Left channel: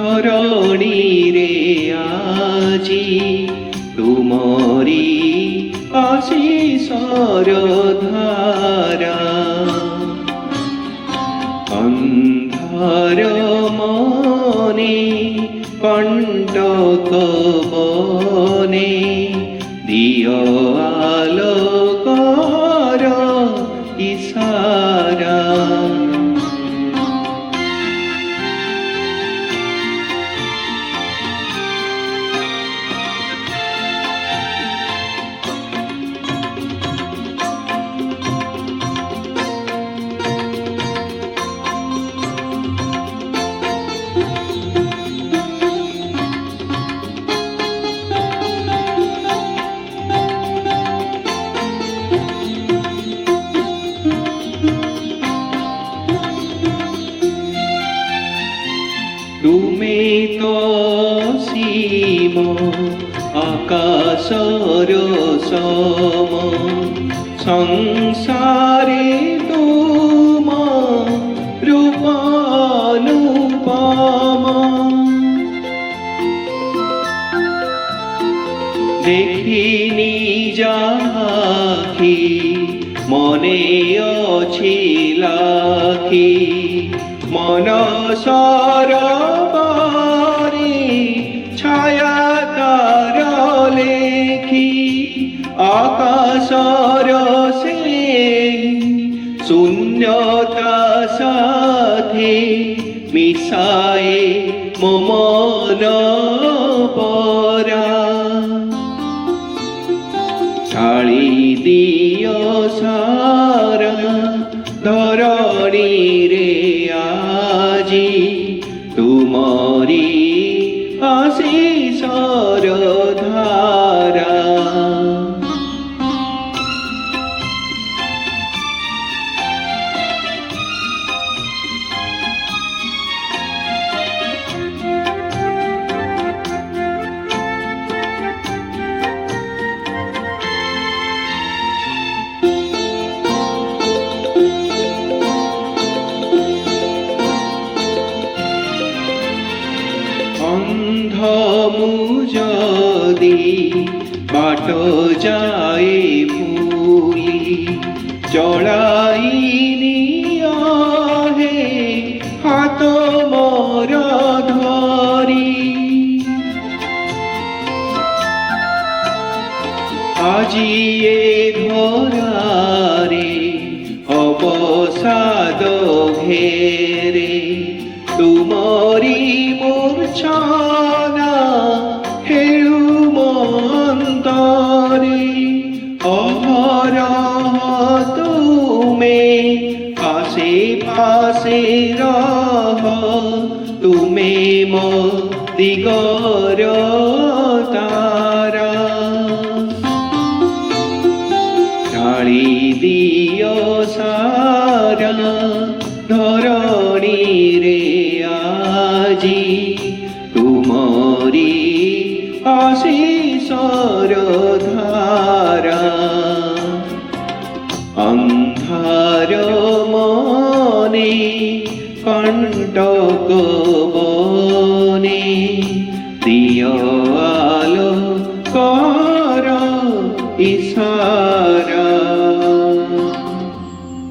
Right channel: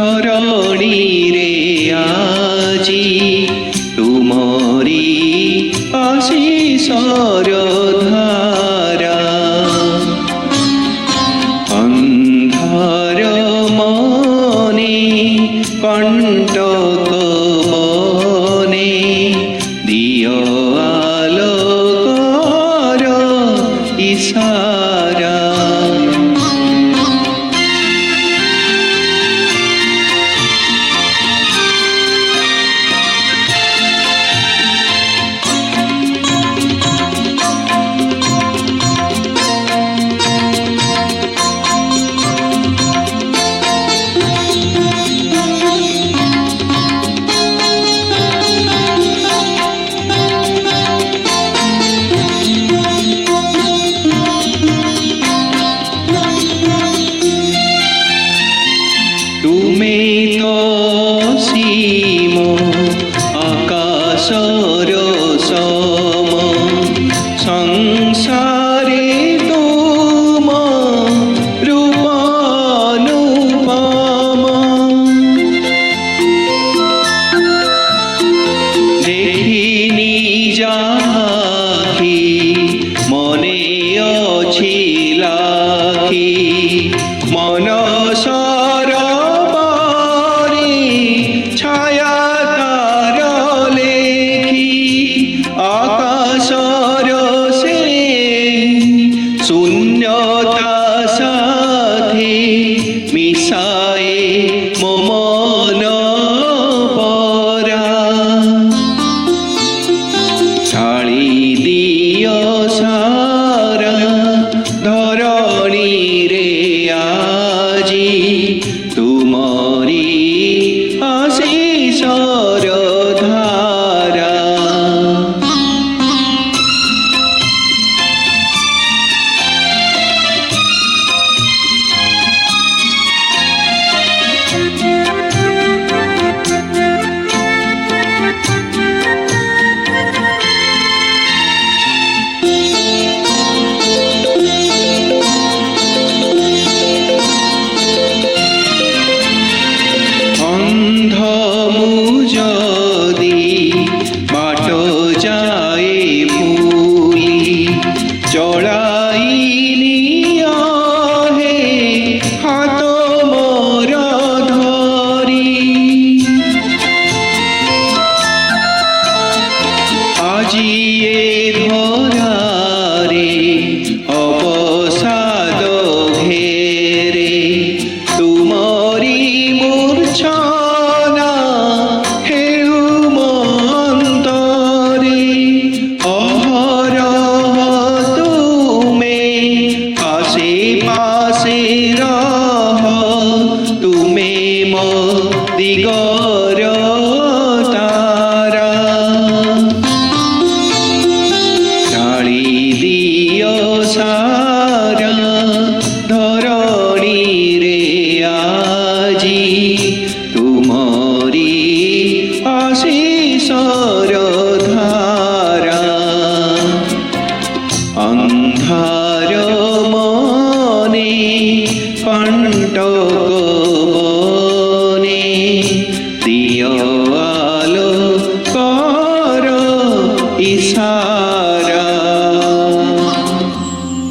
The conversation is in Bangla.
ধরণীরে আজি তুমরি আশিসর ধারা অন্ধার মনে কণ্টক বনে দিয় আলোকর ইশারা তুমি তো সীম আকাশর সম সংসারে তুম রূপানুপম দেখিনি যাখি মনে অছি লাখি মনস ছায়া তার লেখি আকাশর সে শূন্যতা সাথে মিশায়ে মন পরা ছাড়ি দিয় সারা ধরণীরে আজি তুমরি আশিসর ধারা যদি বাট যায় ফুলি চড়াইনি আহে হাত মোর ধরি আজি এ ধরারে অবসাদ ঘেরে তুমরি মূর্ছনা হেউ মন্তরে অহরহ তুমে আশে পাশে রহ তুমে মো দিগর তারা ছাড়ি দিয় সারা ধরণীরে আজি তুমরি আশিসর ধারা অন্ধার মনে কণ্টক বনে দিয় আলোকর ইশারা।